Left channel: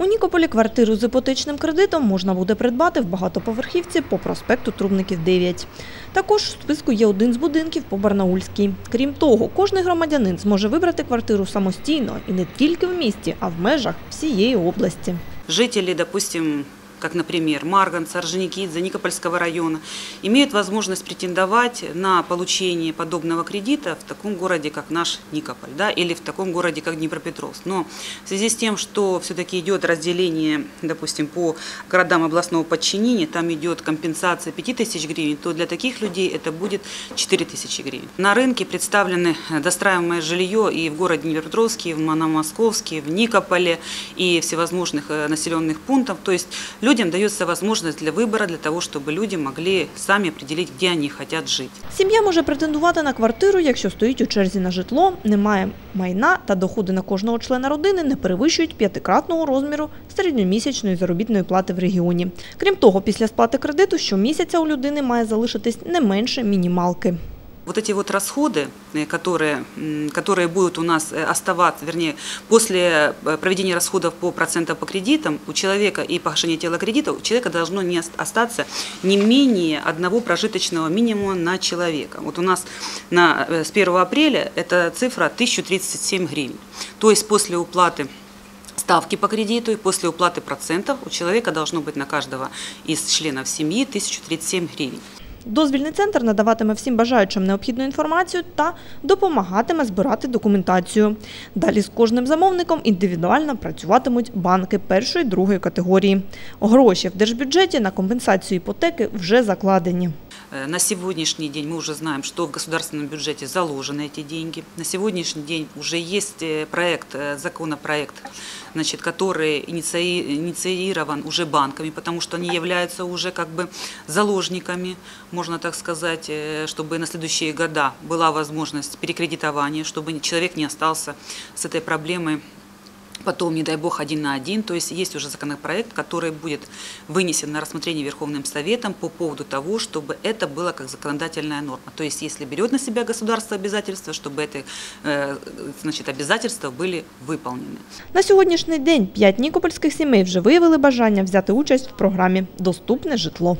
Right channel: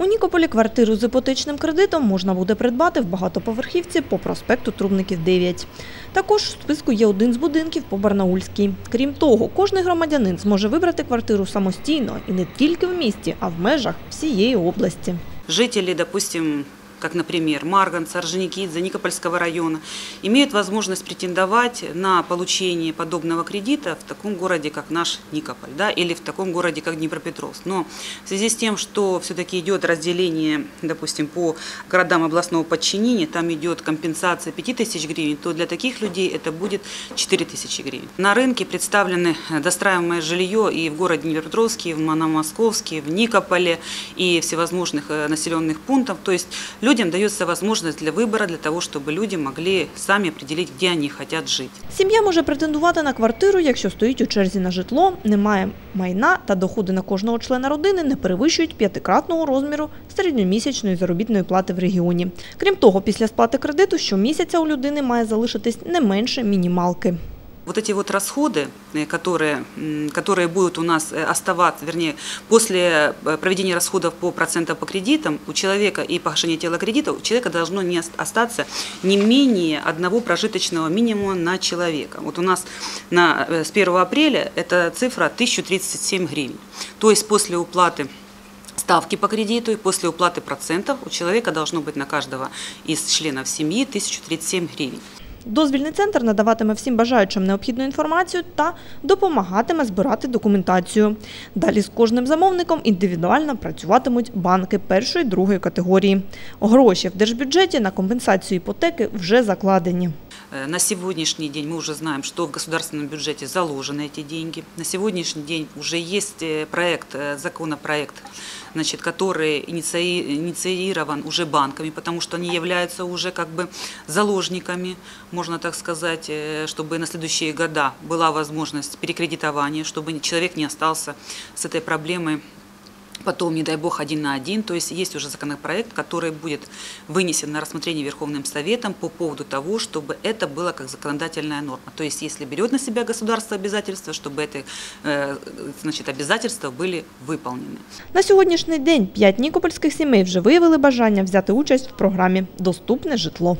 У Нікополі квартиру з іпотечним кредитом можна буде придбати в багатоповерхівці по проспекту Трубників 9. Також у списку є один з будинків по Барнаульській. Крім того, кожний громадянин зможе вибрати квартиру самостійно і не тільки в місті, а в межах всієї області. Жителі, допустим, как, например, Марганца, Орджоникидзе, Никопольского района, имеют возможность претендовать на получение подобного кредита в таком городе, как наш Никополь, да, или в таком городе, как Днепропетровск. Но в связи с тем, что все-таки идет разделение, допустим, по городам областного подчинения, там идет компенсация 5000 гривен, то для таких людей это будет 4000 гривен. На рынке представлены достраиваемое жилье и в городе Днепропетровске, и в Мономосковске, в Никополе, и всевозможных э, населенных пунктах. То есть людям дается возможность для выбора, для того, чтобы люди могли сами определить, где они хотят жить. Сім'я може претендувати на квартиру, якщо стоїть у черзі на житло, не має майна та доходи на кожного члена родини не перевищують п'ятикратного розміру середньомісячної заробітної плати в регіоні. Крім того, після сплати кредиту щомісяця у людини має залишитись не менше мінімалки. Вот эти вот расходы, э, которые, которые будут у нас э, оставаться, вернее, после э, проведения расходов по процентам по кредитам, у человека и погашения тела кредита, у человека должно не ост- остаться не менее одного прожиточного минимума на человека. Вот у нас на, с 1 апреля эта цифра 1037 гривен. То есть после уплаты ставки по кредиту и после уплаты процентов у человека должно быть на каждого из членов семьи 1037 гривен. Дозвільний центр надаватиме всім бажаючим необхідну інформацію та допомагатиме збирати документацію. Далі з кожним замовником індивідуально працюватимуть банки першої другої категорії. Гроші в держбюджеті на компенсацію іпотеки вже закладені. Э, На сегодняшний день мы уже знаем, что в государственном бюджете заложены эти деньги. На сегодняшний день уже есть э, проект, э, законопроект, значит, который иниции- инициирован уже банками, потому что они являются уже как бы заложниками, можно так сказать, чтобы на следующие года была возможность перекредитования, чтобы человек не остался с этой проблемой потом, не дай бог, один на один. То есть есть уже законопроект, который будет вынесен на рассмотрение Верховным Советом по поводу того, чтобы это было как законодательная норма. То есть если берет на себя государство обязательства, чтобы это, э, значит, обязательства были выполнены. На сьогоднішній день п'ять нікопольських сімей вже виявили бажання взяти участь в програмі Доступне житло.